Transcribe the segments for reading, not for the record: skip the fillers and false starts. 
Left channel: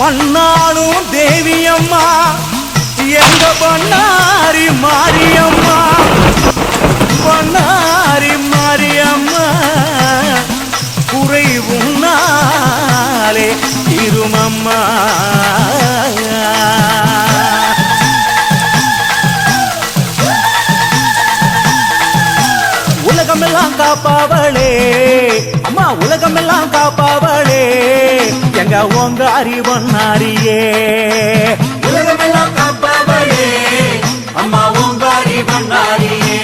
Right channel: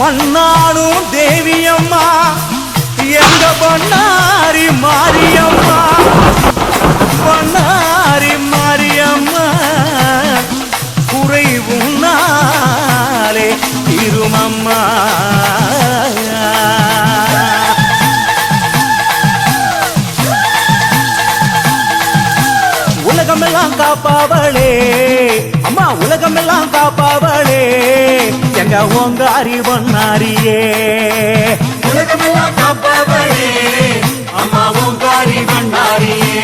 மண்ணாளும் தேவியம்மா எங்க பண்ணாரி மாரியம்மா, பண்ணாரி மாரியம்மா குறைவும் நாளே திருமம்மா. உலகமெல்லாம் காப்பாவளே அம்மா, உலகமெல்லாம் காப்பாவளே எங்க உங்க அறிவண்ணாரியே. உலகமெல்லாம் காப்பாவளே அம்மா உங்க அறிவண்ணாரியே.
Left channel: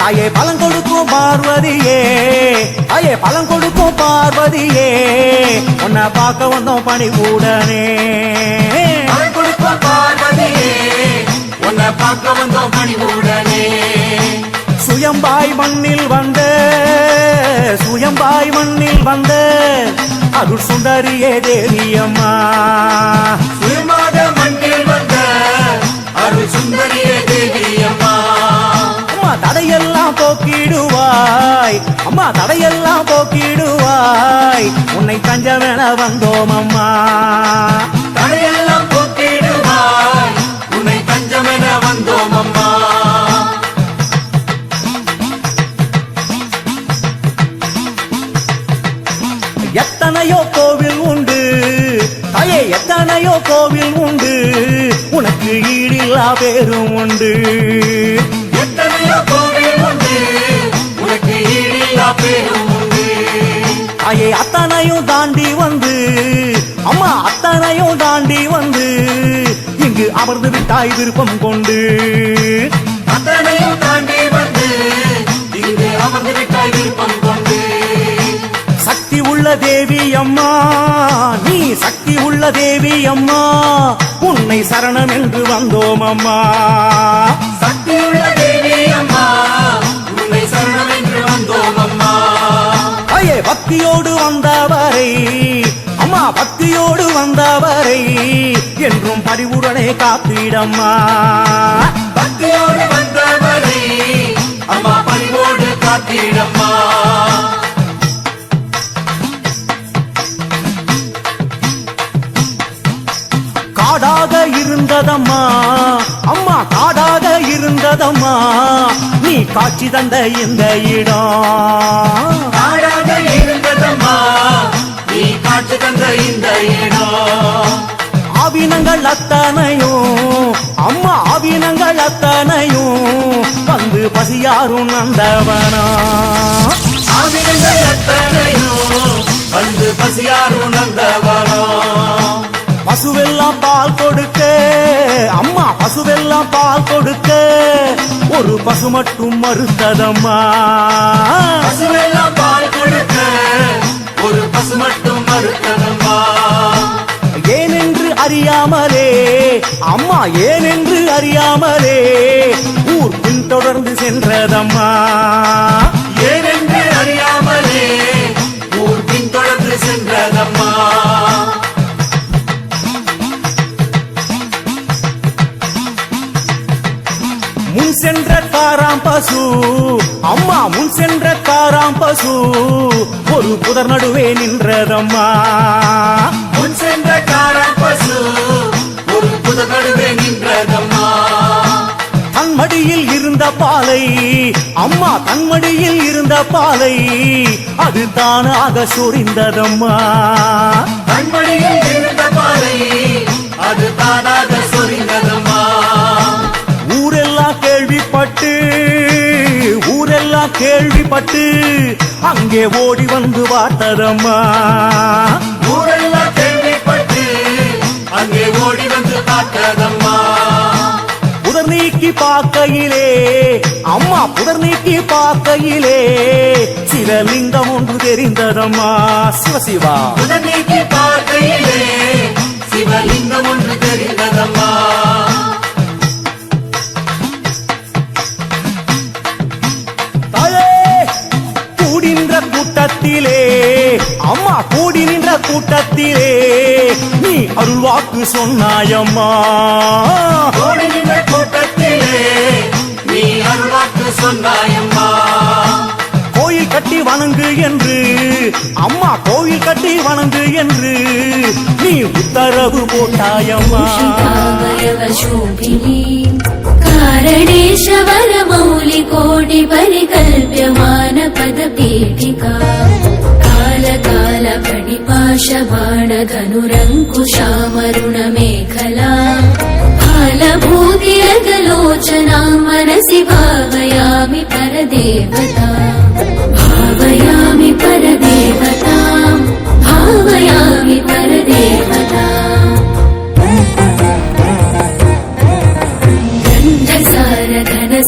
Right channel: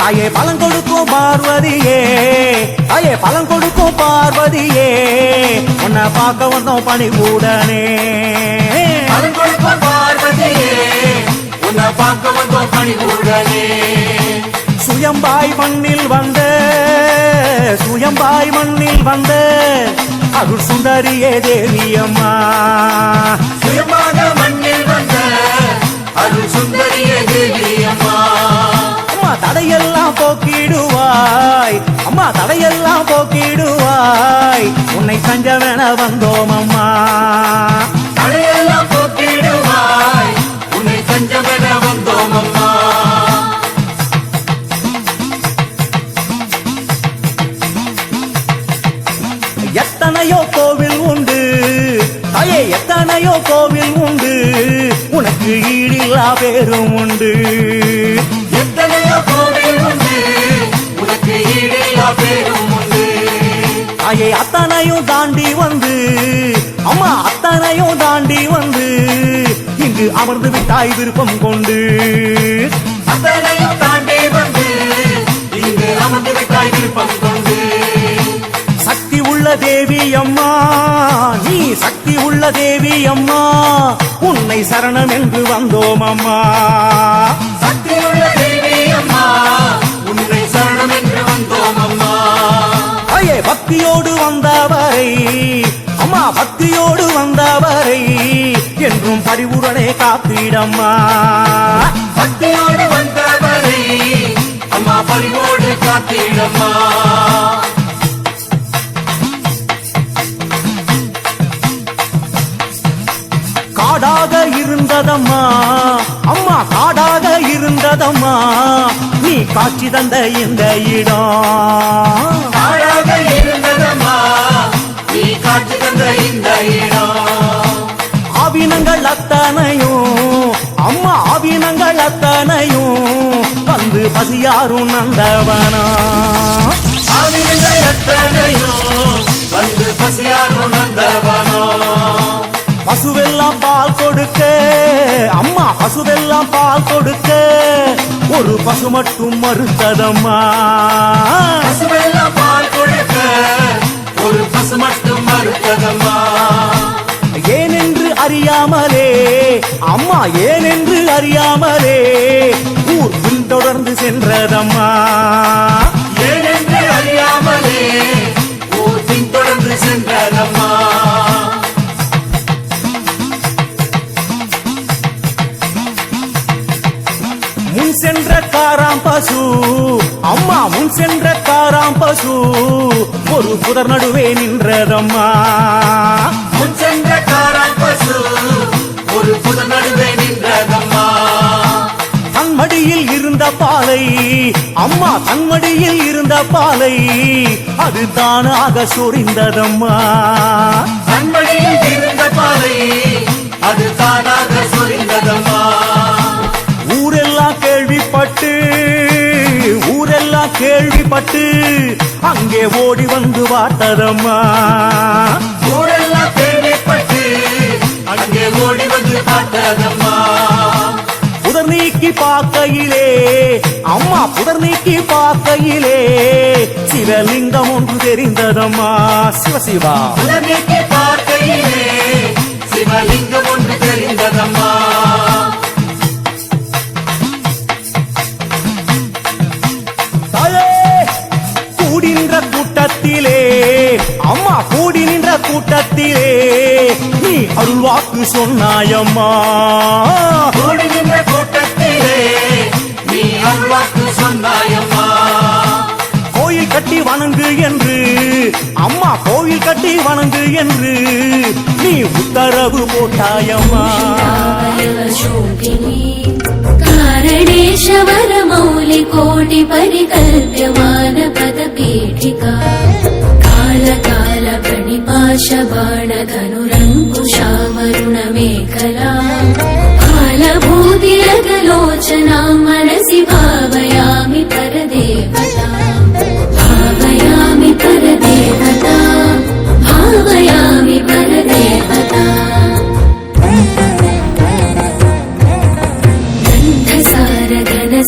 தாயே பலம் கொடுக்கும் பார்வதியே, தாயே பலம் கொடுக்கும் பார்வதியே, உன்னை பார்க்க வந்தோம் பணிவுடனே. பலம் கொடுக்கும் பார்வதியே, உன்னை பார்க்க வந்தோம் பணிவுடனே. சுயம்பாய் மண்ணில் வந்த, சுயம்பாய் மண்ணில் வந்த அருள் சுந்தரியே தேவியம்மா. சுயமாக மண்ணில் வந்த அருள் சுந்தரியே தேவியம்மா. அம்மா தடையெல்லாம் போக்கிடுவாய், அம்மா தடையெல்லாம் போக்கிடுவாய், உன்னை தஞ்சமென வந்தோம் அம்மா. தடையெல்லாம் போக்கிடுவாய், உன்னை தஞ்சமென வந்தோம் அம்மா. எத்தனையோ கோவில் உண்டு தாயே, எத்தனையோ கோவில் உண்டு, உனக்கு ஈடில்லா பேரும் உண்டு. எத்தனையோ கோவில் உண்டு, உனக்கு ஈடில்லா பேரும் உண்டு. தாயே அத்தனையும் தாண்டி வந்து, அம்மா அத்தனையும் தாண்டி வந்து இங்கு அமர்ந்து விட்டாய் விருப்பம் கொண்டு. அத்தனையும் தாண்டி வந்து இங்கு அமர்ந்து விட்டாய் விருப்பம் கொண்டு. சக்தி உள்ள தேவி அம்மா, நீ சக்தி உள்ள தேவி அம்மா, உன்னை சரணம் என்று வந்தோம் அம்மா. சக்தியுள்ள தேவி அம்மா, உன்னை சரணம் என்று வந்தோம் அம்மா. ஐயே பக்தியோடு வந்தவரை அம்மா, பக்தியோடு வந்தவரை என்றும் பரிவுடனே காத்திடம்மா. பக்தியோடு வந்தவரை அம்மா பரிவோடு காத்திடம்மா. காடாக இருந்ததம்மா அம்மா, காடாக இருந்ததம்மா, நீ காட்சி தந்த இந்த இடம். காடாக இருந்ததம்மா, நீ காட்சி தந்த இந்த இடம். ஆவினங்கள் அத்தனையும் அம்மா, ஆவினங்கள் அத்தனையும் வந்து பசியாரும் நந்தவனா. ஆவினங்கள் அத்தனையும் வந்து பசியாரும் நந்தவனா. பசுவெல்லாம் பால் கொடுக்க அம்மா, பசுவெல்லாம் பால் கொடுக்க ஒரு பசு மட்டும் மறுத்ததம்மா. பசுவெல்லாம் பால் கொடுக்க ஒரு பசு மட்டும் மறுத்ததம்மா. ஏனென்று அறியாமலே அம்மா, ஏனென்று அறியாமலே ஊர் பின்தொடர்ந்து சென்றதம்மா. ஏனென்று அறியாமலே ஊர் பின்தொடர்ந்து சென்றதம்மா. முன் சென்ற காராம் பசு அம்மா, முன் சென்ற காராம் பசு ஒரு புதர் நடுவே நின்றதம்மா. முன் சென்ற காராப்பசு ஒரு புதர் நடுவே நின்றதம்மா. தன்மடியில் இருந்த பாலை அம்மா, தன்மடியில் இருந்த பாலை அது தானாக சொரிந்ததம்மா. தன்மடியில் இருந்த பாலை அது தானாக சொரிந்ததம்மா. ஊரெல்லாம் கேள்விப்பட்டு, ஊரெல்லாம் கேள்விப்பட்டு அங்கே ஓடி வந்து பார்த்ததம்மா. ஊரெல்லாம் கேள்விப்பட்டு அங்கே ஓடி வந்து பார்த்ததம்மா. புதர் நீக்கி பார்க்கையிலே அம்மா, புதர் நீக்கி பார்க்கையிலே சிவலிங்கம் ஒன்று தெரிந்ததம்மா. சிவசிவா புதர் நீக்கி பார்க்கையிலே சிவலிங்கம் ஒன்று தெரிந்ததம்மா. தாயே கூடின்ற கூட்டத்திலே அம்மா, கூடி நின்ற கூட்டத்திலே நீ அருள் வாக்கு சொன்னாயம்மா. கூடி நின்ற கூட்டத்திலே நீ அருளாக்கு சொன்னாயம்மா. கோயில் கட்டி வணங்கு என்று அம்மா கோயில் கட்டி வணங்கு என்று நீ உத்தரவு போட்டாயம்மா कारणेश्वर मौलि कोटि परिकल्प्यमान पद पीठिका काल काल फणिपाश बाण धनुरङ्कुशामरुण मेखला फालभूतिरगलोचना मनसि भावयामि परदेवता भावयामि परदेवता भावयामि परदेवता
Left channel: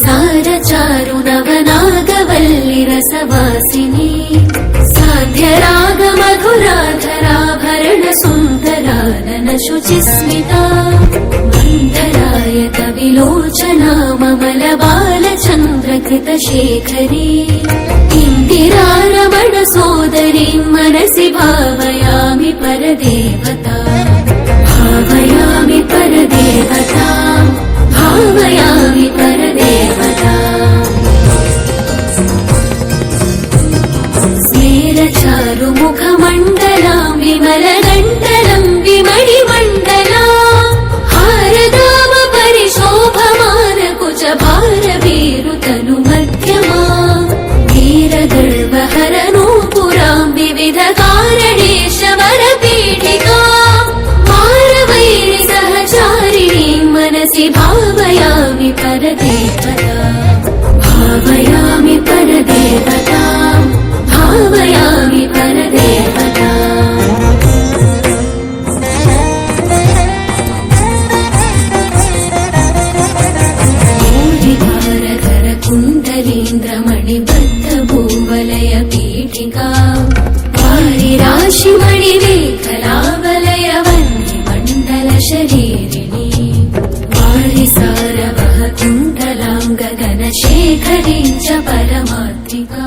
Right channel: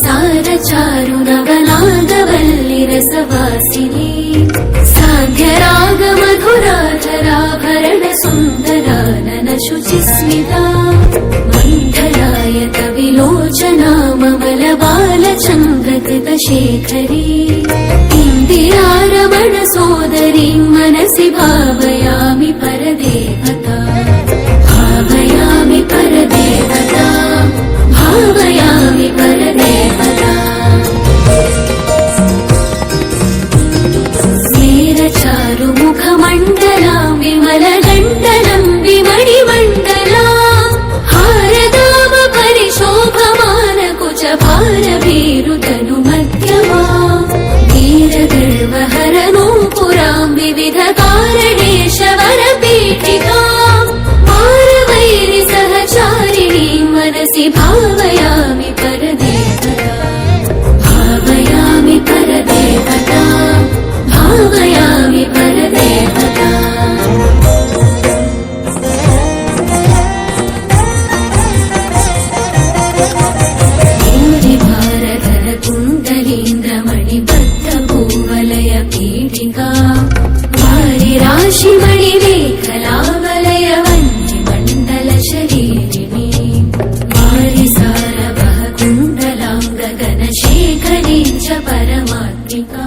सार चारु नवनागवल्लि रसवासिनी साध्य राग मधुराधराभरण सुन्दरानन शुचिस्मिता मन्थरायत विलोचना ममल बालचन्द्रकृत शेखरी इन्दिरारमण सोदरी मनसि भावयामि परदेवता भावयामि परदेवता भावयामि परदेवता स्मेरचारु मुखमण्डलां विमलगण्डलं विमणिमण्डला हारदाम परिशोभमान कुचभारवीरुतनु मध्यमा वीरगर्वहरनूपुरां विविध कारणेशवर पीठिका सहचारिणी मनसि भावयामि परदेवता भावयामि परदेवता भावयामि परदेवता भारकर कुण्डलीन्द्रमणिबद्ध भूवलय पीठिका वारिराशिमणिमेखलावलय शरीरिणी वारिसारवः कुण्डलाङ्ग गणशेखरी च परमात्मिका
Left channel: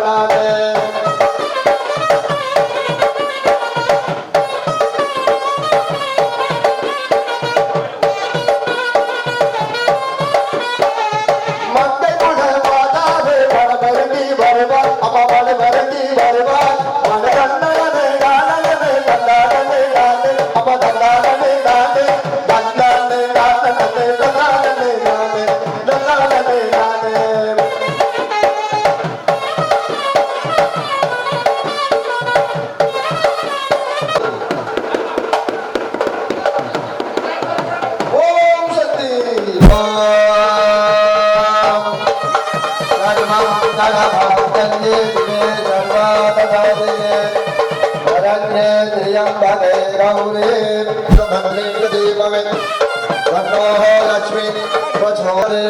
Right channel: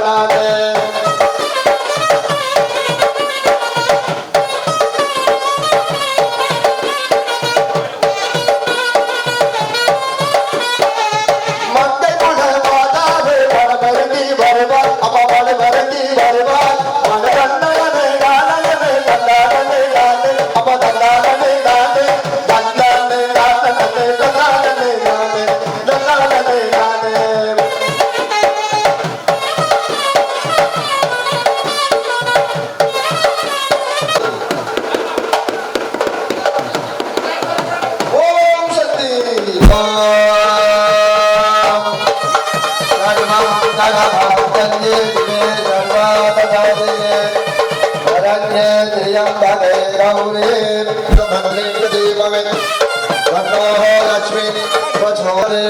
தன்னானே மங்கை குட மாதாவே மனமருங்கி வருவார் அம்மா மனமருங்கி வருவார் மன தன்னானே தானே தன்னானே தானே அப்பா தன்னானே தானே தன்னானே தானே தன்னானே தானே தன்னானே தானே ஓம் சக்தி लक्ष्मी प्रचोरे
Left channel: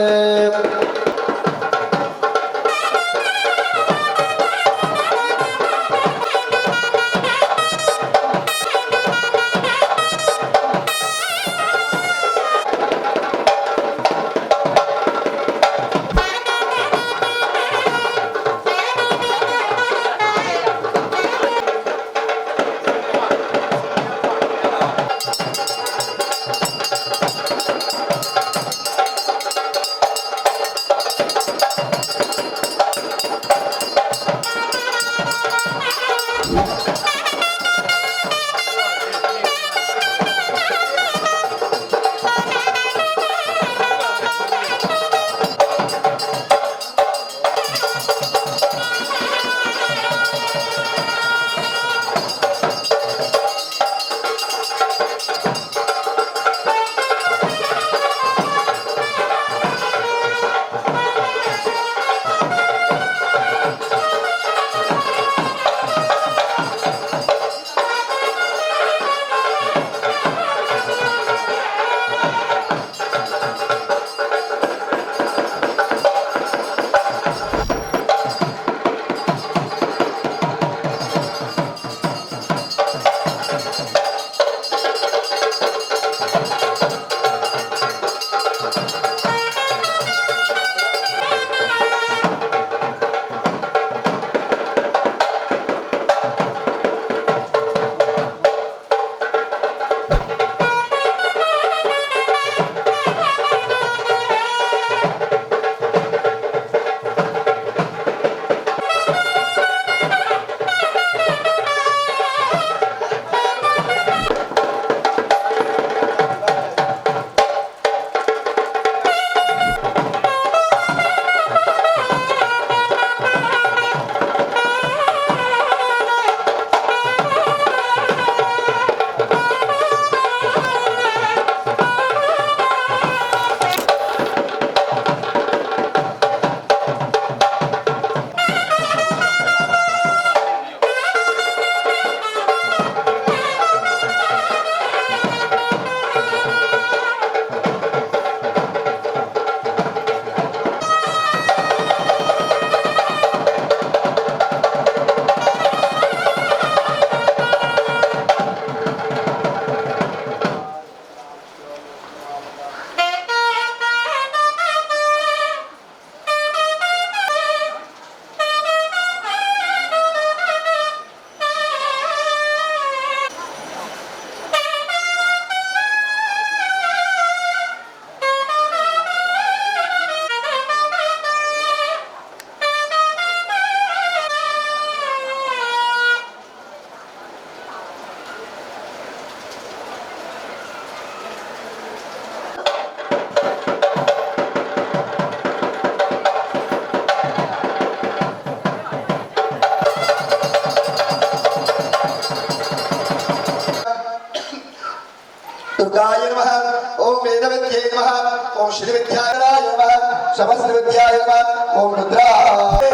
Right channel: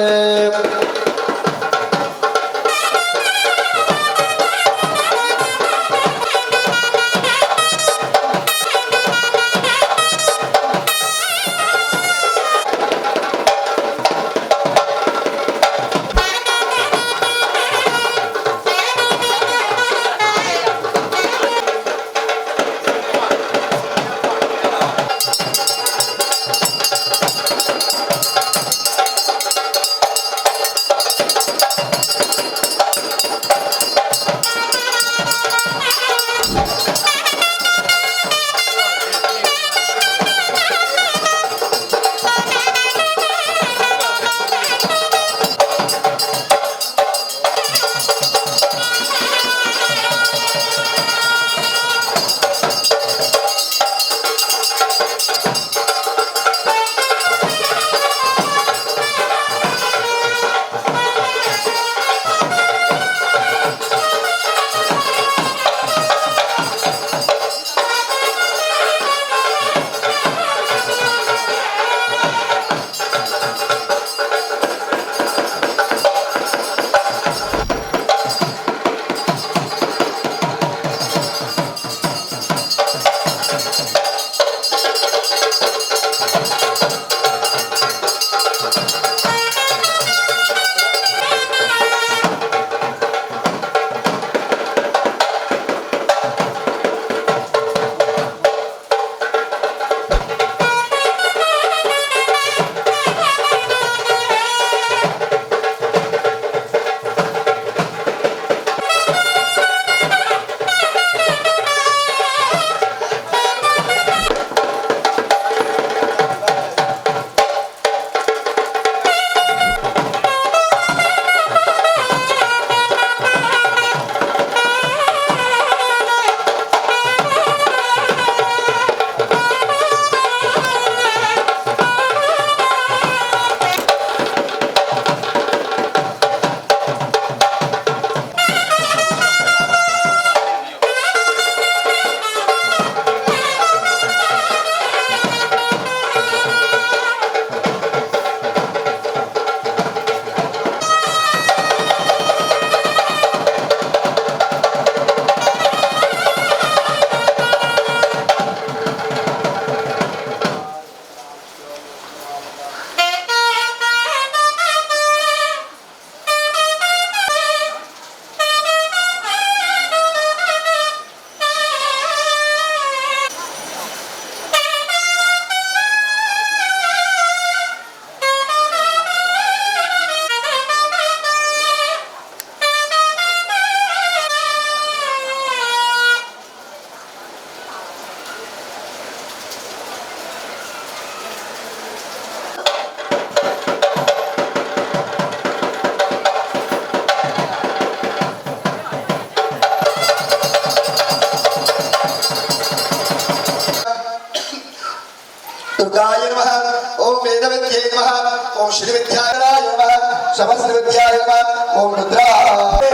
दुर्गाय नमः ओम वेदविद्ये नमः ओम श्रीविद्याय नमः सहस्रविद्याय नमः ओम रुद्राय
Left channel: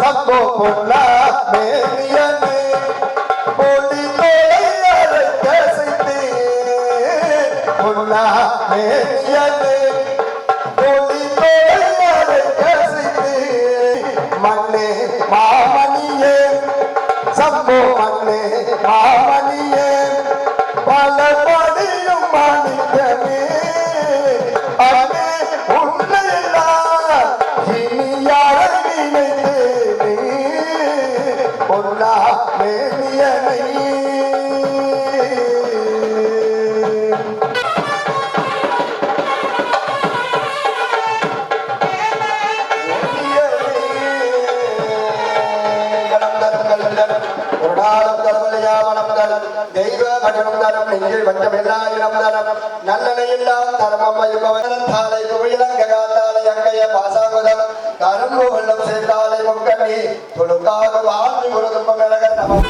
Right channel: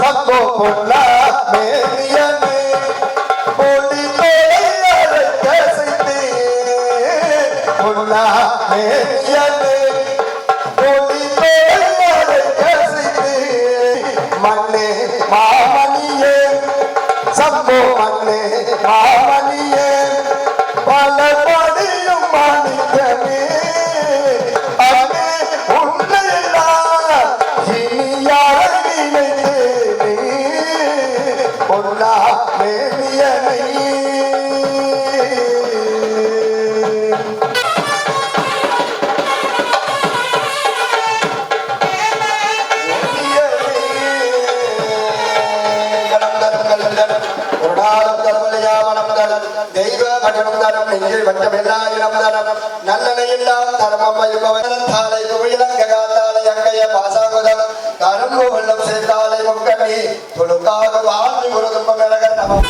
सबको बोलना मेरियने बोली तोड़े कैसे बोलना मेरियने बोली तोड़े कैसे मन्ने मामनिये सबको मन्ने मामनिये பலபடியும் மனிதனே அன்னே உன்னை இனி யாரை நினைத்தேனே பொன்னா மேனியனை தெய்வ மஜனம் தரம் நெஞ்சில் வஞ்சமில்லாயிரம் தரம் நல்லனையெல்லாம் தரமம் தாலை குவிலங்காலை அங்கைய பாசாகுதம் கரும்பு வெள்ளம் சேர்த்தாலை முக்கண்ணி துளுக்காக வாழ்ந்து ஒரு துன்பம் விலக நமம்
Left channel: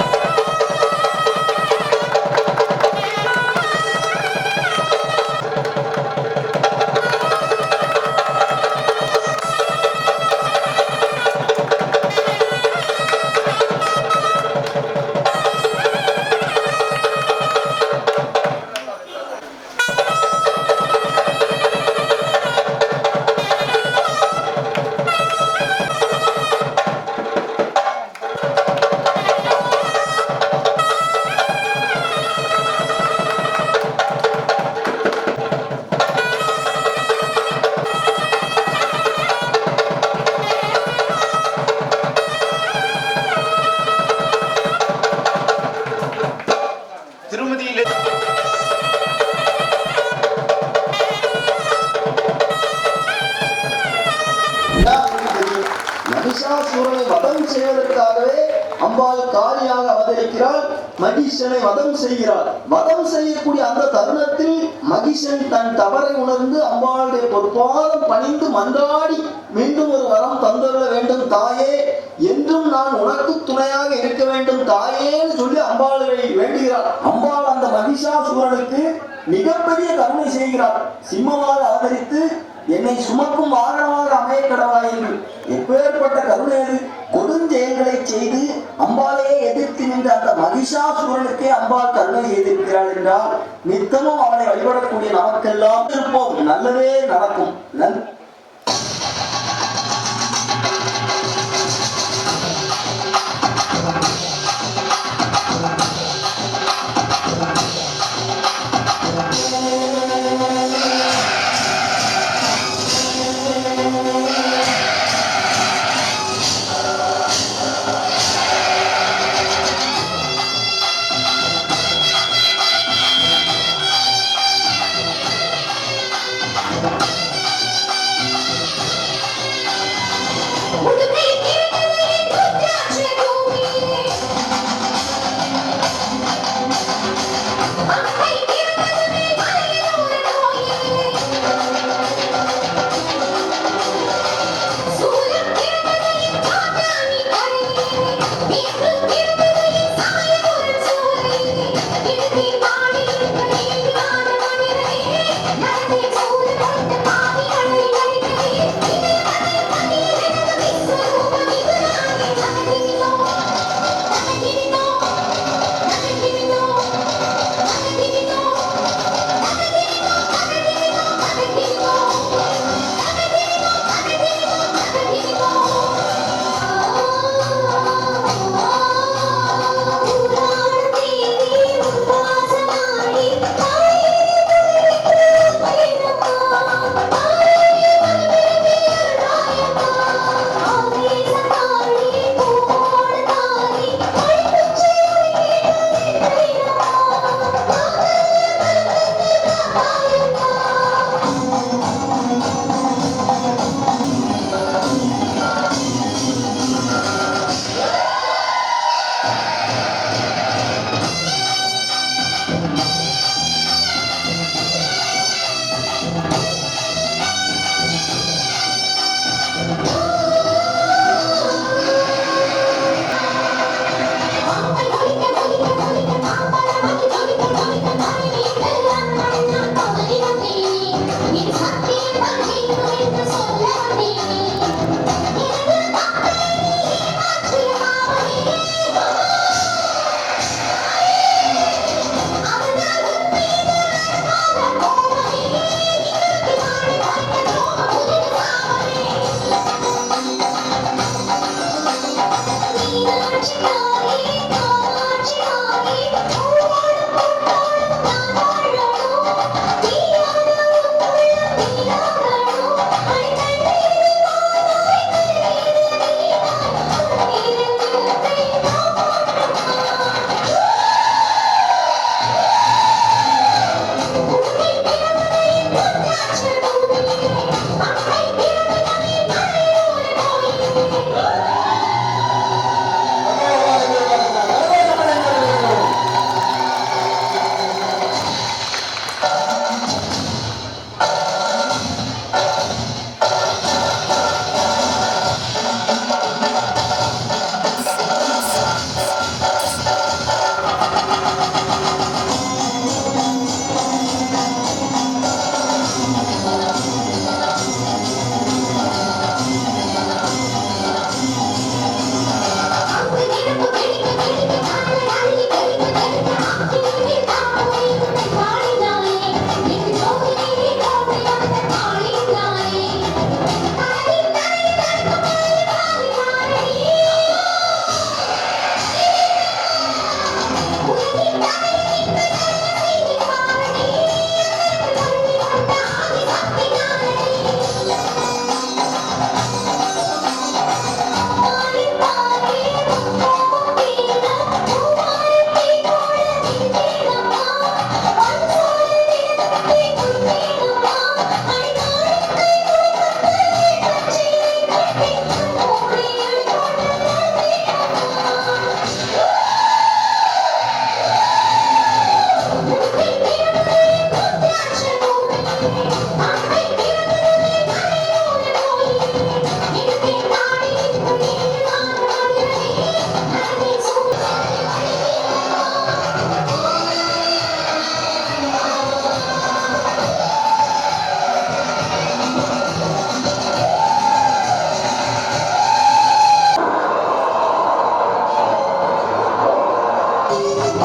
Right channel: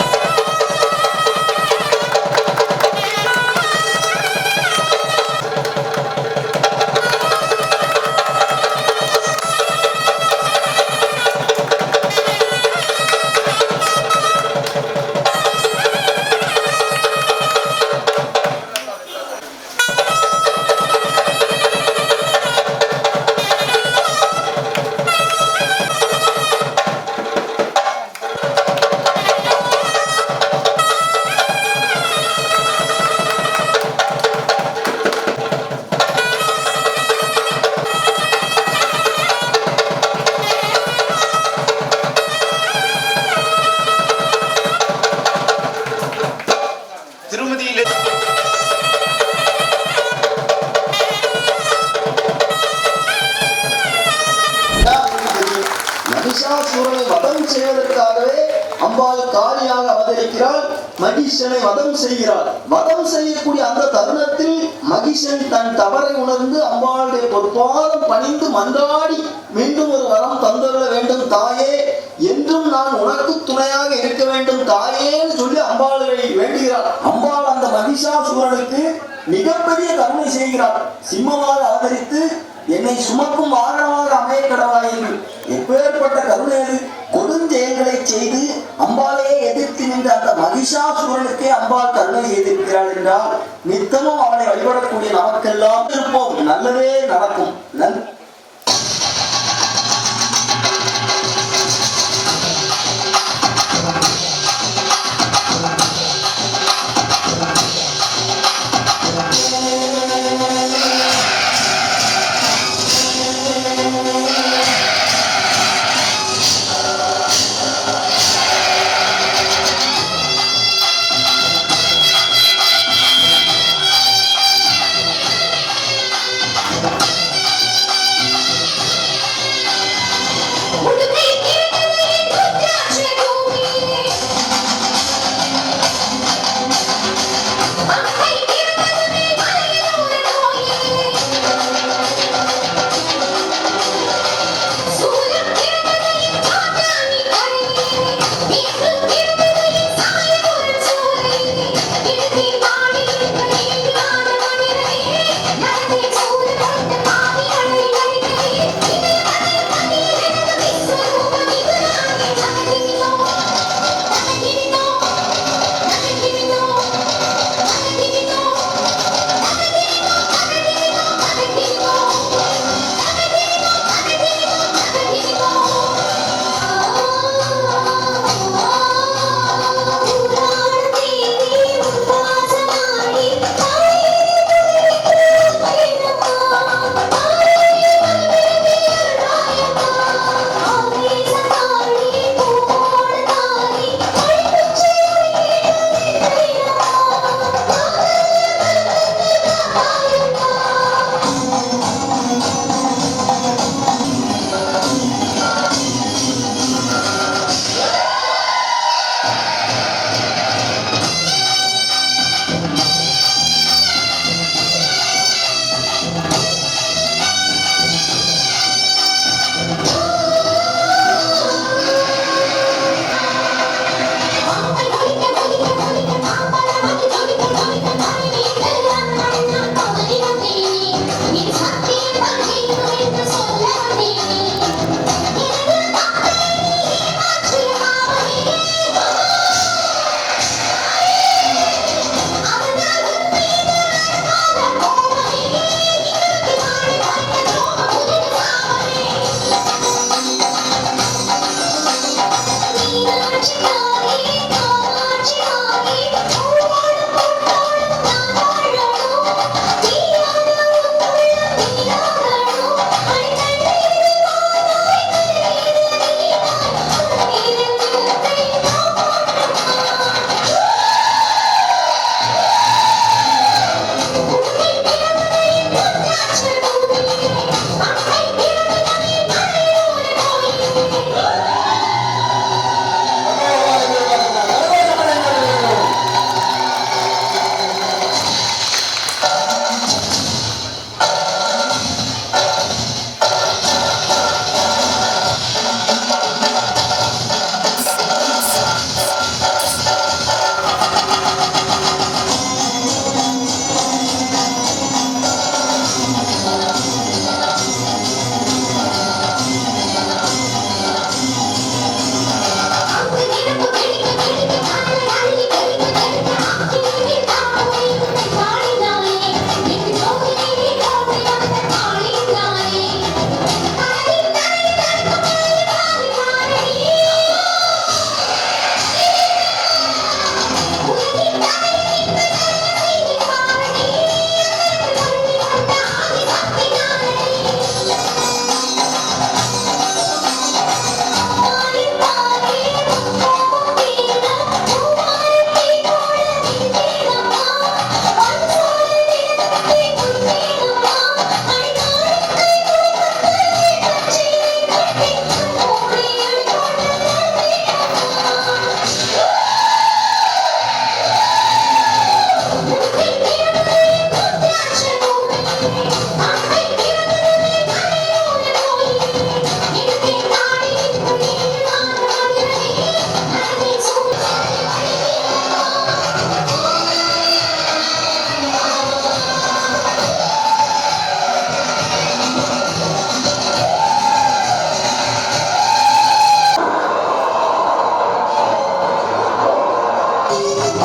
மகிஷாசூரனை வதம் செய்வதற்காகவே அம்பாள் காளியாக அவதரிக்கிறாள். மகிஷனை வதம் செய்கிறாள். வதம் செய்யக்கூடிய அந்த தருணத்தில் மகிஷன் தன் தவறை உணர்ந்து அம்பாளுடைய பொற்பாதம் பணிந்து மன்றாடி மீண்டும் ஒரு வரம் தந்துள்ள வேண்டும் தாயே, என்றும் நான் உனக்கு துணையாக இருக்க வேண்டும் தாயேன்னு சொல்லி அம்பாளை வேண்டுகிறாள். அம்பாள் அந்த மகிஷாசூரனுக்கு மிகப்பெரிய கருணை செய்கிறார். சிம்மமாக அவதரித்து என்னை சுமக்கும் வாகனமாக அமைய கடவாயிரு. எப்பேற்பட்ட கருணை அது! கொடுஞ்செயல்களை செய்து அம்பாளையே எதிர்த்து நின்ற அந்த மகிஷாசூரனுக்கே அம்பாள் கருணை செய்திருக்கிறாள் என்றால் நித்தமும் அவளை வழிபடக்கூடிய நமக்கெல்லாம் இருப்போம், நல்லதே நடக்கும்.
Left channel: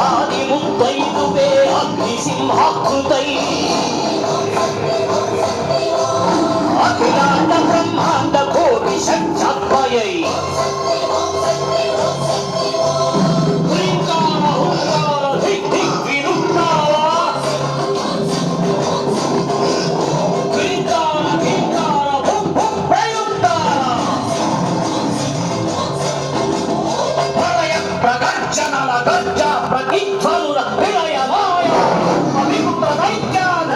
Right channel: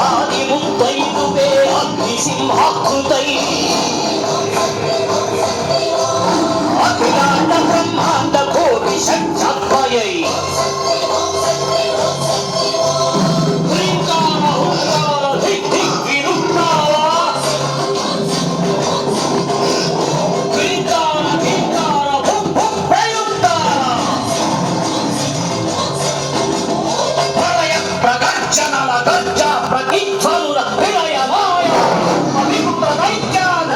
ಆದಿಮುತ್ತೈದುವೆ ಅಗ್ನಿ ಸಿಂಹಾಕೃತೈ ಅಖಿಲಾಂಡ ಬ್ರಹ್ಮಾಂಡ ಕೋಟಿ ಷಟ್ಛಾತ್ಮಯೈ ಹೃಂಕಾರ ಹುಂಕಾರ ಧಿಕ್ ಧಿಕ್ ವಿರುಕ್ಕಾರ ಹೃಂಕಾರ ಧಿಂಕಾರ ಭುಂ ಭುಂ ಪ್ರಯುಕ್ತಾರ ಪ್ರಳಯ ಪ್ರಗರ್ಜನಲ ಗರ್ಜ ಪ್ರತಿಧ್ವನುರ ವಿಲಯ ಮಾಯ ಅಭಿಮುಖ ದೈತ್ಯಾನ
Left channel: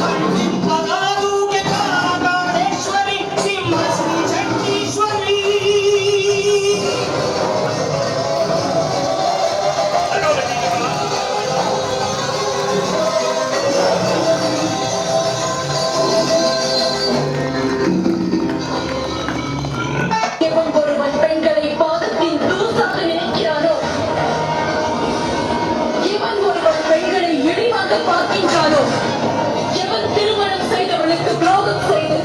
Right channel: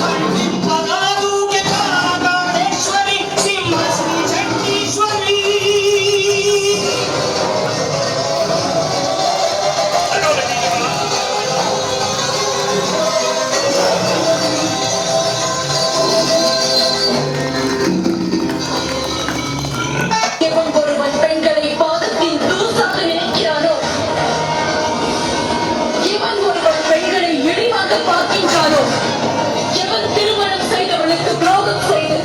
ಖಂಡಿತನಾದೂಕೆ ಕಾಳೇಶ್ವರಿ ಸಿಂಹ ಶ್ರೀ ಚಂಡೀಶ್ವರಿ எவன் ஒருவன் பெண்களை பாதத்தின் தூசாக நினைக்கிறானோ, எவன் ஒருவன் பெண்களை இழிவாக பார்க்கின்றானோ, எவன் திருமணம் செய்தவனுக்கு துரோகம் செய்து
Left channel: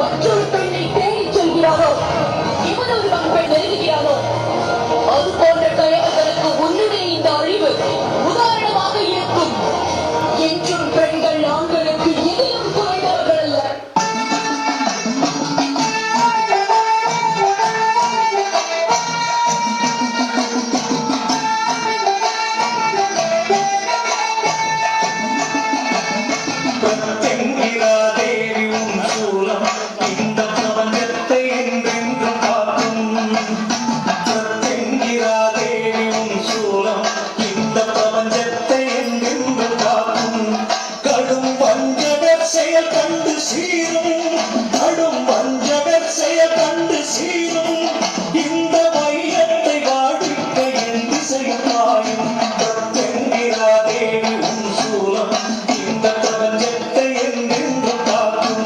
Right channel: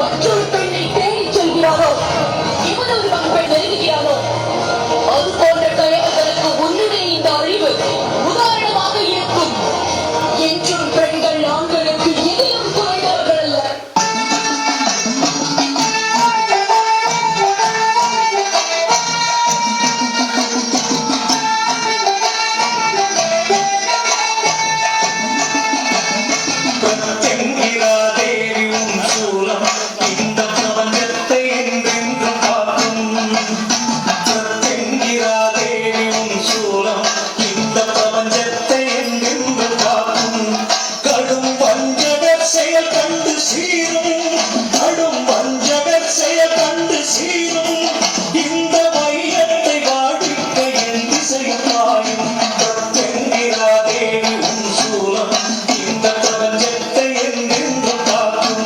மற்றொரு பெண்ணை தேடிச் செல்கிறானோ, எவன் ஒருவன் பெண் நெருங்குகிறானோ, அது போன்ற கயவர்களுக்கு ஒன்றுமே இந்த அழிவு உதாரணமாக இருக்கும். என்றும் பெண்கள் ஆண்களுக்கு எதிலும் குறைந்தவர்கள் அல்ல. பிரத்யங்கிராதேவி உன் சூலம் இந்த பிரபஞ்சத்தை என்றென்றும் காக்கும். பிரத்யங்கிராதேவி உன் சூலம் இந்த பிரபஞ்சத்தை என்றென்றும் காக்கும். கடும் வஞ்சகர் செயல் கண்டு சீரும், கடும் வஞ்சகர் செயல் கண்டு சீரும். இந்த மையத்தை வாடிக்க என் திசையில் பாயும். பிரத்யங்கிராதேவி உன் சூலம் இந்த பிரபஞ்சத்தை என்றென்றும் காக்கும்.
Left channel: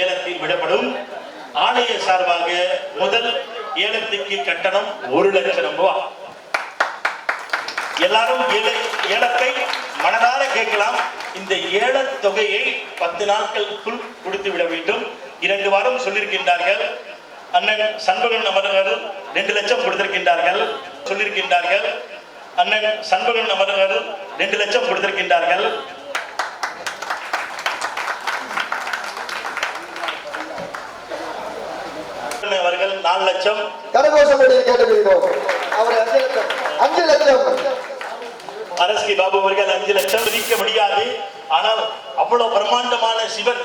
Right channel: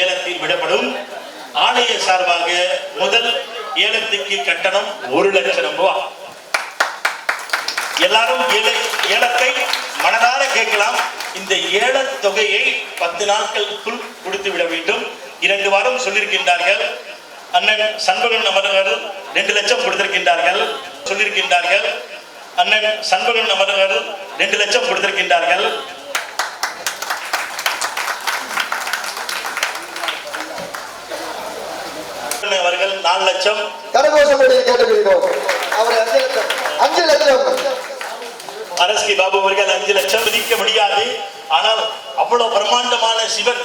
ஏலத்தில் விடப்படும். ஆலய சார்பாக முதல் ஏலத்துக்கு கட்டணம் 1,00,000 ரூபாய். எல்லாரும் ஏலத்தை மனதார கேட்கலாம். இந்த ஏல தொகையை 10 நாட்களுக்குள் கொடுத்து விட வேண்டும். 2 வாரம் சொல்லியிருக்கின்றார்கள். அண்ணன் சண்முகன் அவர்கள் 2 லட்சம் கொடுத்திருக்கின்றார்கள் சொல்லியிருக்கின்றார்கள். அண்ணன் சண்முகன் அவர்கள் 2 லட்சம் கொடுத்திருக்கின்றார்கள். அவர்கள் 4 லட்சம். கரகோஷப்படி கேட்டுக்கொள்கிறோம். அவர் 5 லட்சம். அரஸ்கி பாபு அவர்கள் 5 லட்சம். விதிக்க முடியாது. ஆனால் அவ்வளவு பிரம்மாண்டமான சிவன்,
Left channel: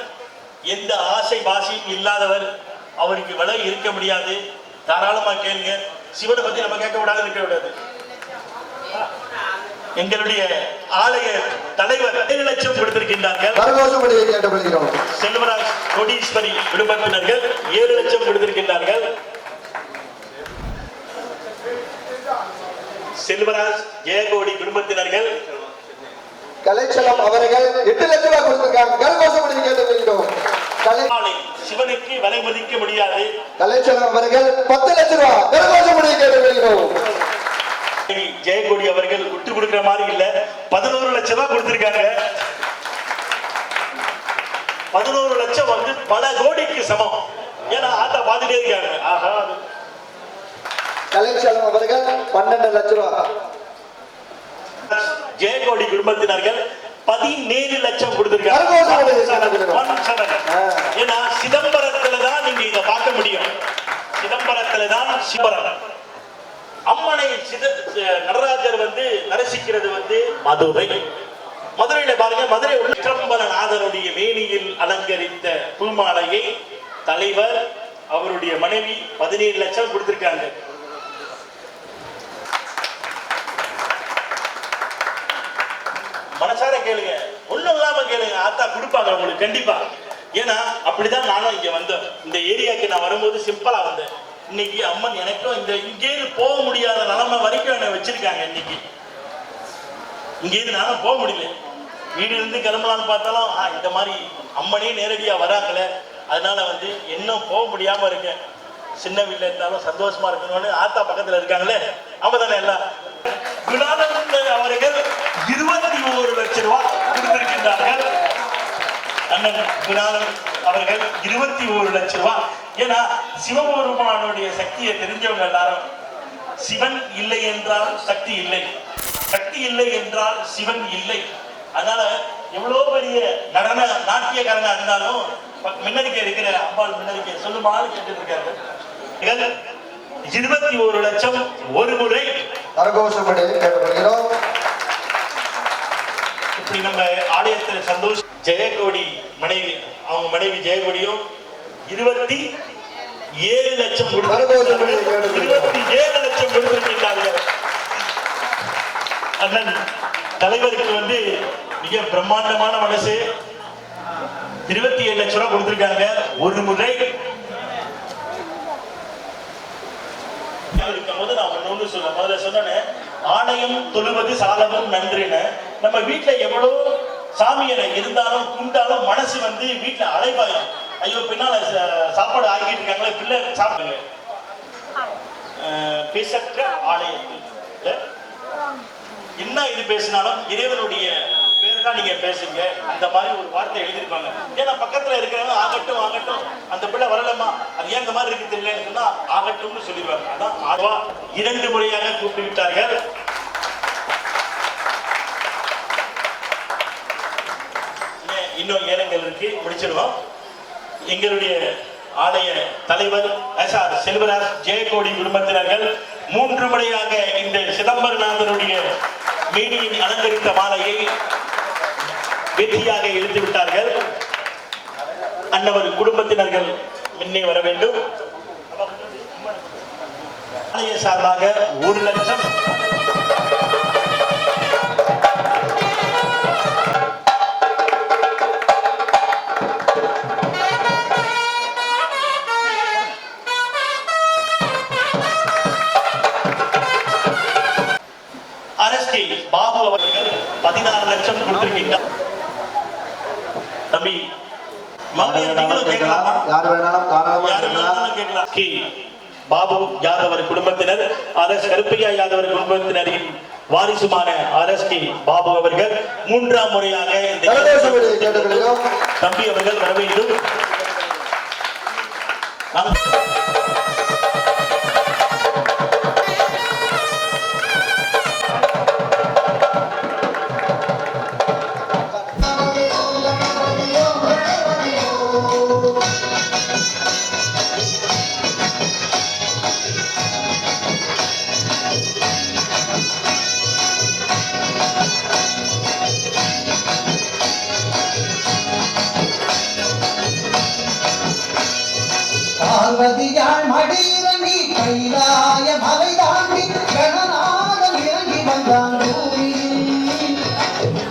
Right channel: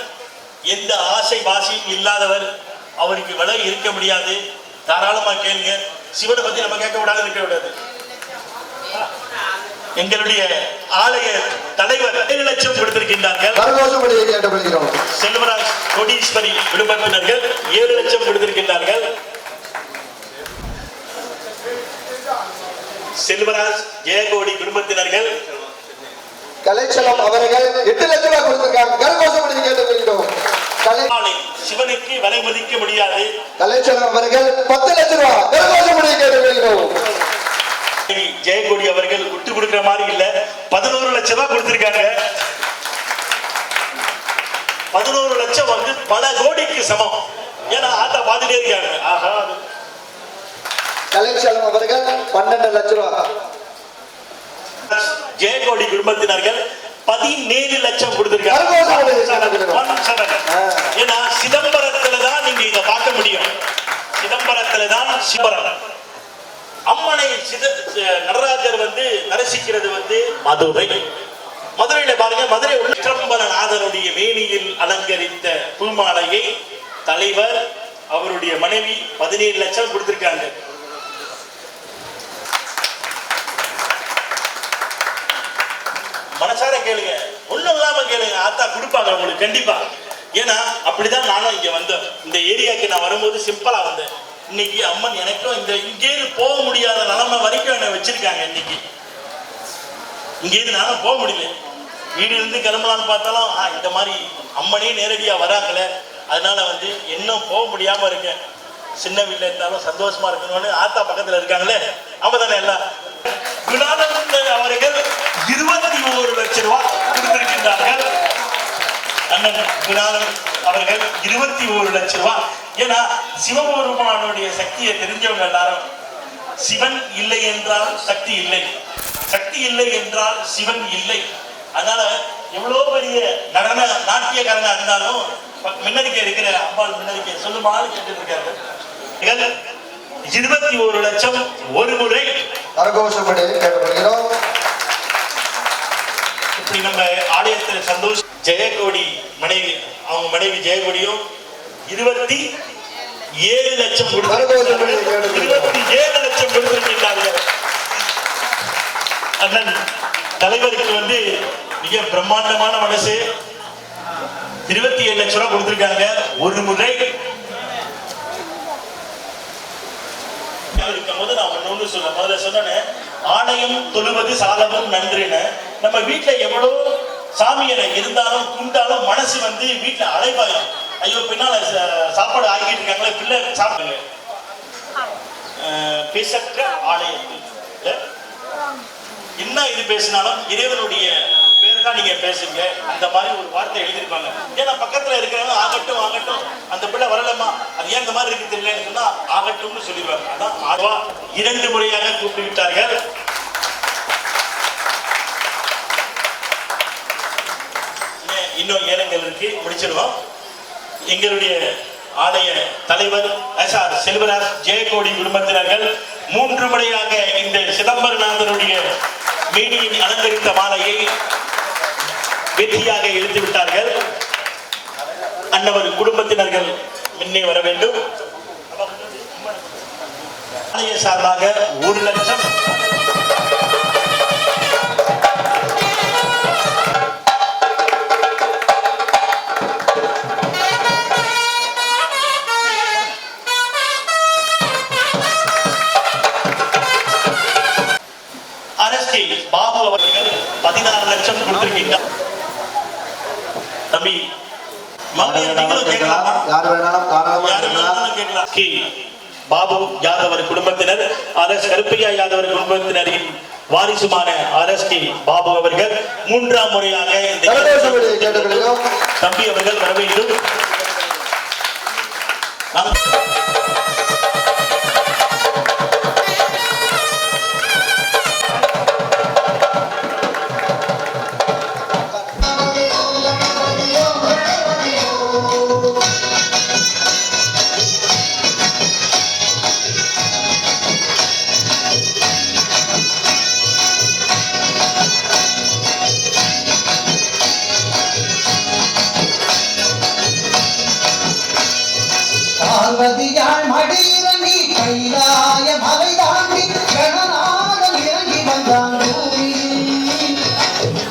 எந்த ஆசை வாசியும் இல்லாதவர், அவருக்கு விலை இருக்க முடியாது. தாராளமா கேளுங்க. சிவனை பத்தி நம்ம கேட்க கூடாது, இருக்க கூடாது. எங்களுடைய ஆலய தலைவர் 7 லட்சம் கொடுத்திருக்கின்றார்கள். கரகோஷப்படி கேட்டுக்கொள்கிறோம். செல்வராஜ் கோடீஸ்வரி குடும்பத்தினர்கள் 7 லட்சம் கொடுத்திருக்கின்றார்கள். செல்வராஜ் ஜெயகோடி குடும்பத்தினர்கள் கலைச்சலம் அவர்கள் 8 லட்சம் ரூபாய் கொடுத்திருக்காங்க. கரகோஷப்படி கேட்டுக்கொள்கிறோம். சிவனுக்கு விலை மதிக்க முடியாது. கலைச்சலம் அவர்கள் 10 லட்சம் ரூபாய். கரகோஷப்படி கேட்டுக்கொள்கிறோம். ஜெயகோடி அவர்கள் விட்டு கொடுக்கிற மாதிரி இல்ல, 11 லட்சம் ரூபாய் கொடுத்திருக்காங்க. 11 லட்சம் வந்து பல கோடிக்கு சமம். ஏன்னா ஆட்டா பாத்துட்டே இருக்காங்க. ஆஹா, கலைச்சலம் அவர்கள் 12 லட்சம் ரூபாய். ஜெயகோடி குடும்பத்தினர்கள் 17 லட்சம் கொடுத்திருக்காங்க. ஏன்னா சிதம்பரத்துல தான் நீங்க இதை பார்க்க முடியும். சிதம்பரத்துல தான் சிவரம் அம்மனை நடராஜர் வந்து தரிசிக்கிறது வந்து மதுரை. மதுரையில பாருங்க, மதுரை சிதம்பரநாதனுடைய வேணியில் அலங்கரித்த பூமாலையை தலைவர் அவருடைய மனைவி 17 லட்சம் கொடுத்திருக்காங்க. மனசார கேளுங்க, ஒண்ணும் இல்லாம கேளுங்க, ஆத்தா கொடுப்பாங்க உங்களுக்கு கண்டிப்பா. ஏன்னா அப்படிதான் நானும் இங்க வந்தேன். இந்த ஏரியாவுக்கு நான் வரும்போது சிம்பிளா வந்தேன். இன்னைக்கு அம்மன் எனக்கும் இங்கேருந்து போக முடியாத நிலைமை வரைக்கும் என்னை வச்சிருக்காங்க. இன்னைக்கு இங்கேருந்து நானும் போக முடியல. வீடு இருந்து கிளம்பலான்னு பார்த்தாலும் இந்த மாதிரி அம்மனே நேரடியா வராங்களே, அதனால வந்து இன்னும் போக முடியாம இருக்கேன். சின்ன வீட்டுல இருந்தாலும் சந்தோஷமா இருக்கணும்னு ஆத்தா பக்கத்துல இருக்காங்களே, அவங்க தானே எல்லாம். குணானந்தன் அவர்கள் 21 லட்சம் ரூபாய் கொடுத்திருக்கின்றார்கள். அண்ணன் குணானந்த் அவர்கள் 21 லட்சம் ரூபாய். ஏன்னா சிவபெருமானுடைய சக்தியை தெரிஞ்சவங்க எல்லாரும், சிவன் இல்லை என்றால் சக்தி இல்லை, சக்தி இல்லை என்றால் சிவன் இல்லை. அதனால எவ்வளவு பெரிய நடன நாட்டியக்காரனா இருந்தாலும் முன்னறிக்கை இருக்கிற அம்பாள் முன்னறிக்கை சொல்லுமாறு கேட்டு இருக்காரு. 21 லட்சம் ஒரு முறை. கரகோஷப்படி கேட்டுக்கொள்கிறோம். இப்படி நம்ம ஆலயத்தில் சந்தோஷ் ஜெயகோடி மனைவி, அவங்க மனைவி ஜெயகோடியும் 27 லட்சம் 27 லட்சம் கொடுத்திருக்கின்றார்கள். அண்ணன் தலைவருக்கு வந்து மிக பிரம்மாண்டமான மனசு. 27 லட்சம் ரூபாய் கொடுத்திருக்காங்க ஒரு முறை. இருக்கும்போது நான் ஒண்ணு சொல்ல முதல்ல சொன்னேன், ஆலயம் தொழுவது சாலவும் நன்றுன்னு. நம்ம வீட்டுல எவ்வளவு சாமியரை இருந்தாலும் குண்டாலும் மனசு வந்து வீட்டுல அலைபாயும். ஐயோ பின்னால சாப்பாடு ஆகிட்டு இருக்காங்களே, பிள்ளை சாப்பிடுங்க. பேசற்ற ஆலயத்தில் என்ன இது பேசினாலும் இறைவனுடைய பேர் தான் நீங்க பேசுங்க, அந்த மாதிரி ஒரு வார்த்தை எழுதியிருப்பாங்க. ஏன்னா பக்கத்துல இருக்கிறவங்க ஆகட்டும் ஆகட்டும், அந்த பிள்ளை வரலமா, அது ஏன் இந்த மாதிரி இருக்கு தெரியலன்னு சொன்னா ஆகட்டும்னு சொல்லிடுவாங்க. அதான் ஆழ்வா 2 முறையாக கூப்பிட்டு விட்டார்கள். இன்னும் ஏலங்கள் இருக்கு, முடிச்சிடுவோம். எங்களுடைய ஆலய தலைவர் செல்வராஜ் ஜெயகோடி குடும்பத்தினர்கள் 3 முறையாக இந்த சிதம்பரநாதனுடைய மேனியில் அலங்கரித்த மாலையை வெற்றியாக இழுத்து விட்டார்கள். அன்னவர் குடும்பத்தினர்கள் முன்னே வர வேண்டும். ஆலய சார்பாக 1 லட்சம். அரஸ்கி பாபு அவர்கள் 16 லட்சம் கொடுத்திருக்கின்றார். தம்பி பாபு யாதவர் குடும்பத்தினர், அரசு கருப்பையா யாதவர் குடும்பத்தினரின் வாரிசுமான அரஸ்கி பாபு அவர்கள் 3ஆம் முறையாக தம்பி அவர்கள் வர வேண்டும். கைலாய மலை தாண்டி கணநாதன் இறங்கி வந்தான் பூமியில்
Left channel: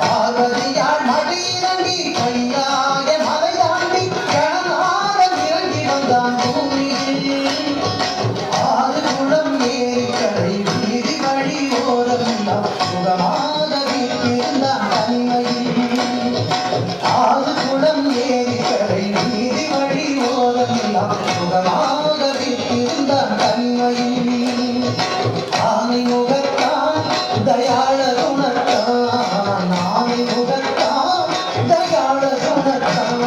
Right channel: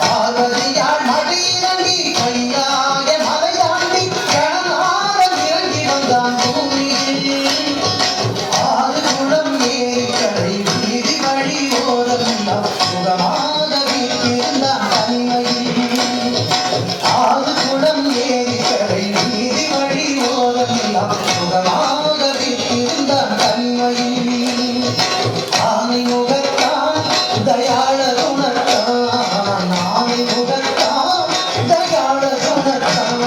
பார்வதியால் மடி இறங்கி கைலாய மலை தாண்டி கணநாதன் இறங்கி வந்தான் பூமியில் ஆறு குளம் ஏறி கடை வீதி வழி ஓரமெல்லாம் சுகமாக வீட்டிருந்தான் தனிமையில் ஆறு குளம் ஏறி கடை வீதி வழி ஓரமெல்லாம் சுகமாக வீட்டிருந்தான் தனிமையில் ஆனை முகத்தான் தயாள குணத்தான் ஆனை முகத்தான் தயாள குணத்தான்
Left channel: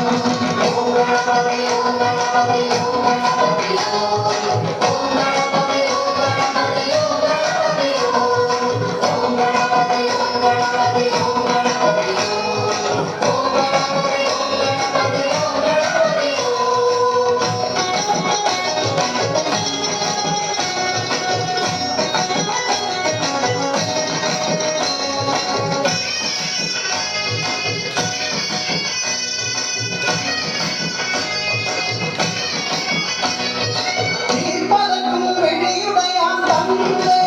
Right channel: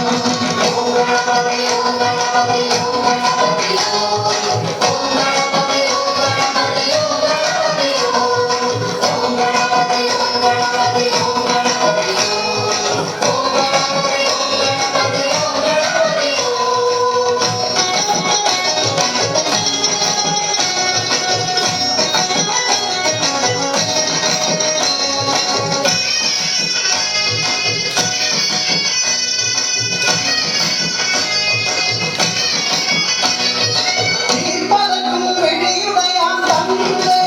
தீர்ப்பதற்கும் வெளியுடையான் தந்தை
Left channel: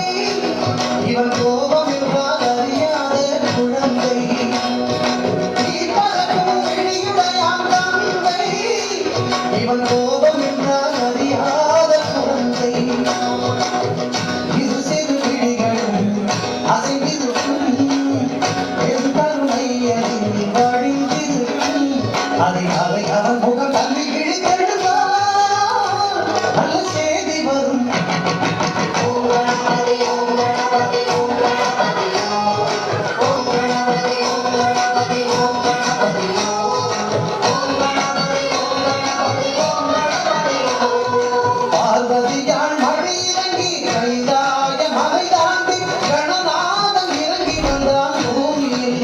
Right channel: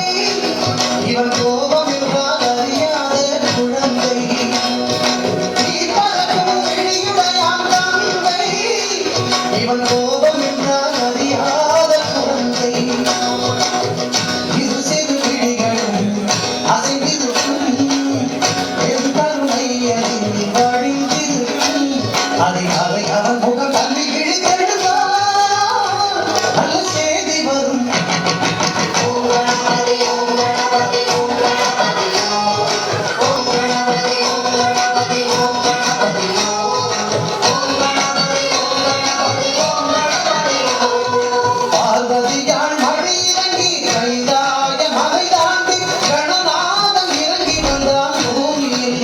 இவன் கோபம் என்றால் அறியாத குழந்தை தீர்ப்பதற்கும் வெளியுடையான் தந்தை இவன் கோபம் என்றால் அறியாத குழந்தை இரு சிறு விழிகளும் அசைந்திருக்கும் என் கருணை அதில் வழிந்திருக்கும் அதை அவன் முகம் தள்ளி கிழித்தெடுத்தான் நல்ல செய்தி வரும் பார்வதியால் மழை இறங்கி கைலாய மலை தாண்டி கணநாதன் இறங்கி வந்தான் பூமியில்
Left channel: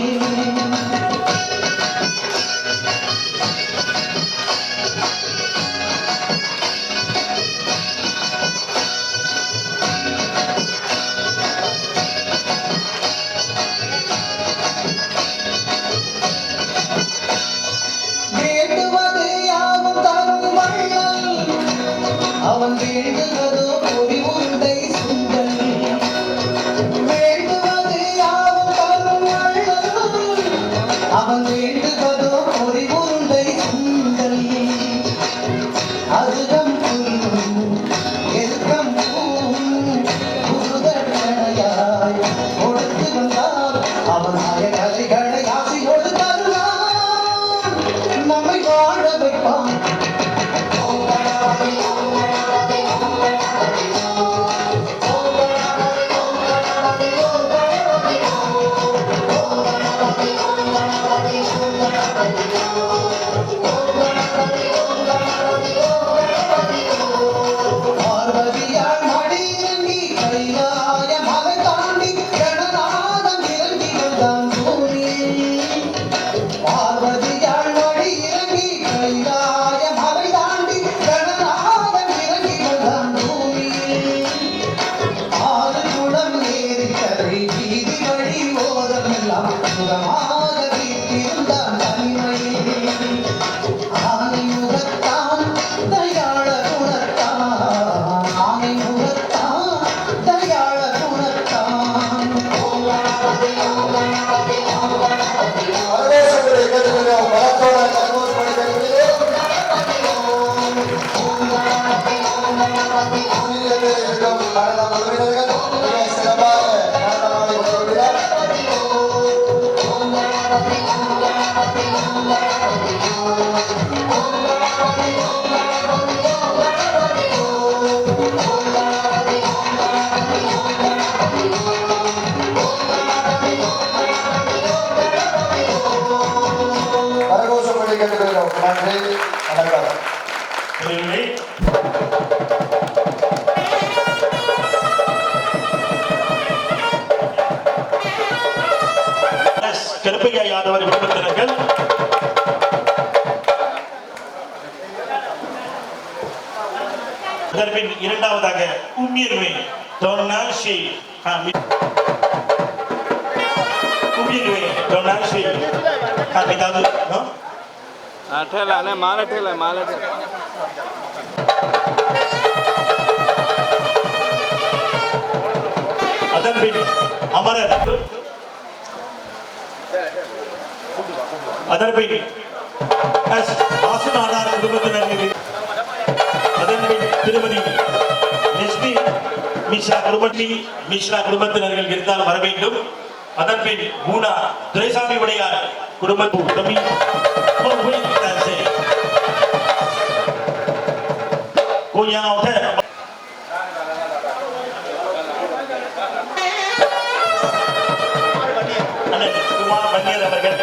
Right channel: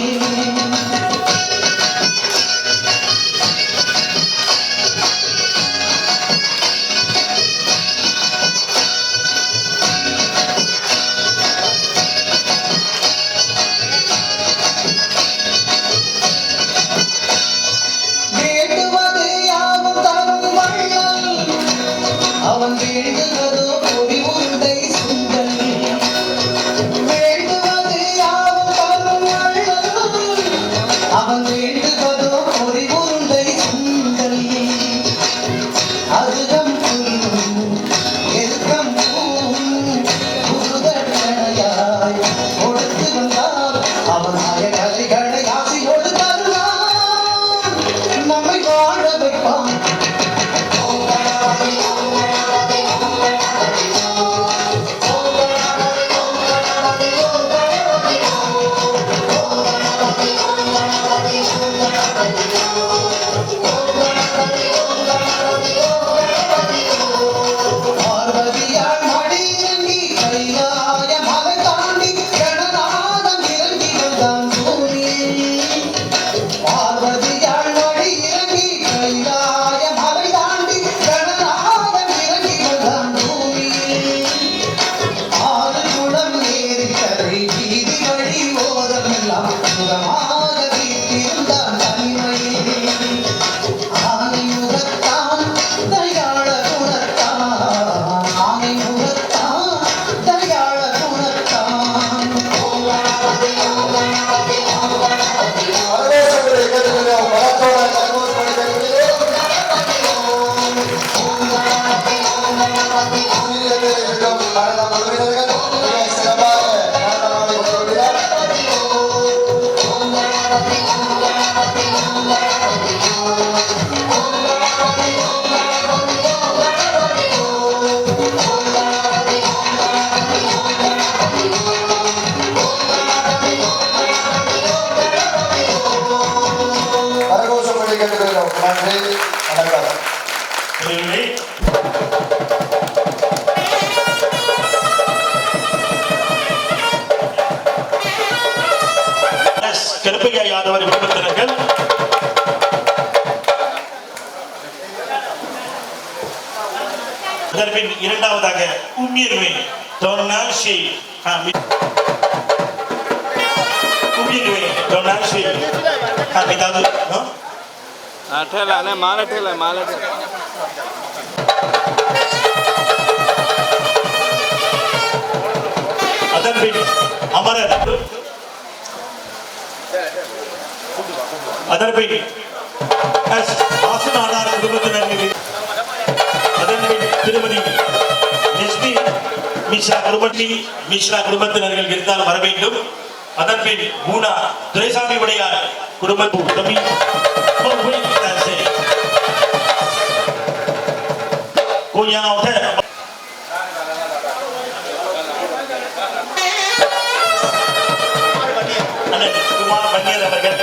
வேண்டுவது யாவும் தரும் வள்ளல் அவன் வேண்டுவதோ பொடி உருண்டை சுண்டல் வேண்டுவது யாவும் தரும் வள்ளல் அவன் வேண்டுவதோ பொடி உருண்டை சுண்டல் அருகம் புல்லும் எருக்கம் பூவும் புதுதட்சணையாய் கொடுத்து வந்தால் அவன் கலைகளை ஆசையோடு தருவான் நம்மை வாழ வைப்பான் பார்வதியால் மடி இறங்கி கைலாய மலை தாண்டி கணநாதன் இறங்கி வந்தான் பூமியில் பார்வதியால் மடி இறங்கி கைலாய மலை தாண்டி கணநாதன் இறங்கி வந்தான் பூமியில் ஆறு குளம் ஏறி கரை வீதி வழி ஓரமெல்லாம் சுகமாக வீட்டிருந்தான் தனிமையில் ஆனை முகத்தான் தயாள குணத்தான் ஆனை முகத்தான் தயாள குணத்தான் வரவேற்புகளை கேட்டுக்கிறோம் பலத்தோட சந்தோஷப்படி கேட்கிறோம் நடன குழுவினர்கள் மிக சிறப்பாக நடனமாடி கொண்டிருக்கிறார் கரகோஷப்படி கேட்டுக்கிறோம் நன்றி வணக்கம் இறைவனே, கருப்பையா யாதவர் குடும்பத்தினர்கள் அதற்பின் இரண்டாவதாக உம்மியர்வே தொன்னாசி உம்மியர்வே தொன்னாசி ஏதாவது ठेला नहीं माला ठेला அதன் பின் அமரர், அதன் பின் எஸ். வாசுநாடார் குடும்பத்தினர்கள், அதன் பின் திருமதி எஸ்பி மிஸ்ரா குடும்பத்தினர்கள் இருந்தால் வர வேண்டும். அதன் பின் பூனா துரைசாமி உடையார் குடும்பத்து குமார் வன்னியர் அவர்கள்.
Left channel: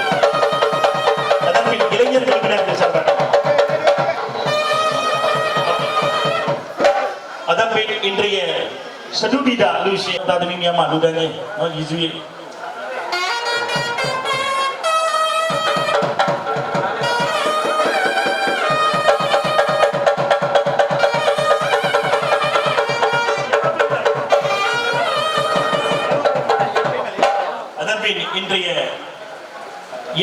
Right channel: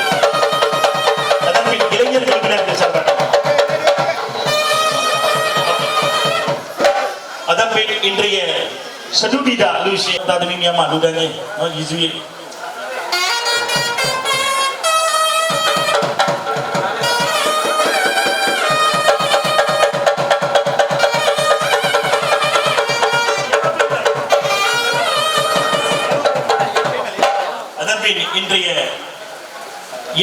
அதன் பின் இளைஞர் உறுப்பினர்கள் சார்பாக. அதன் பின் இன்றைய Sedudida Lucy tadi ni ama dudanya no izui அதன்பின் இன்றைய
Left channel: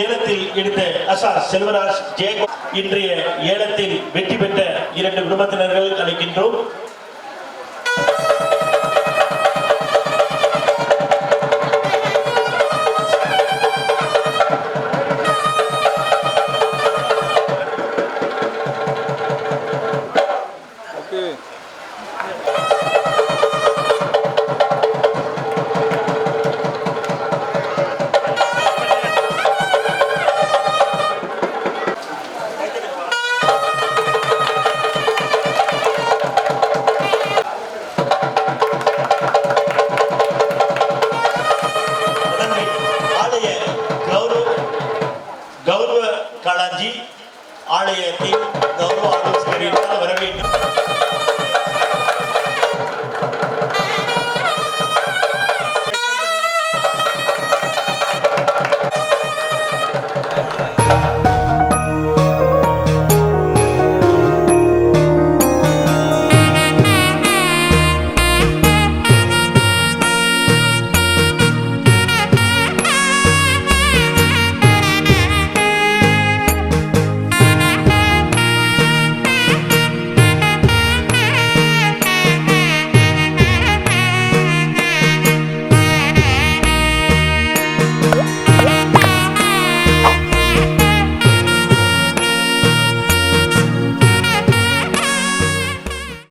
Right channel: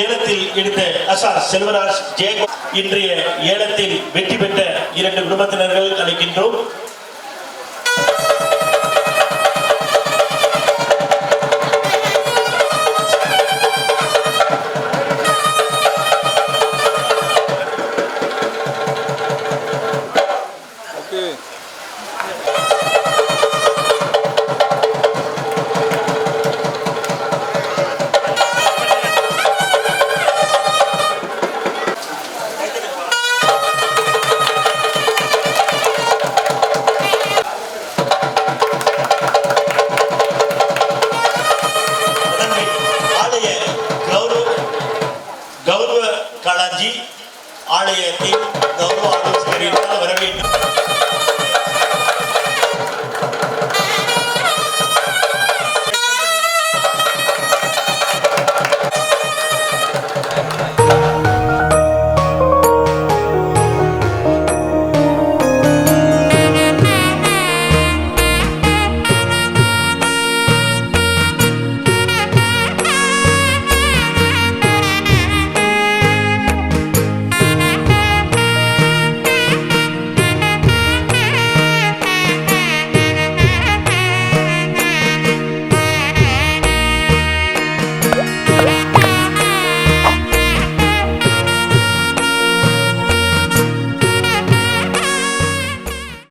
ஏலத்தில் எடுத்த அசார் செல்வராஜ் ஜெயகோ இன்றைய ஏலத்தில் வெற்றி பெற்ற 2 குடும்பத்தினர்கள் அழைக்கின்றோம். கௌரவ காளாஜி ஆலயத்தின் கௌரவ ஆலோசகர் வர வேண்டும்.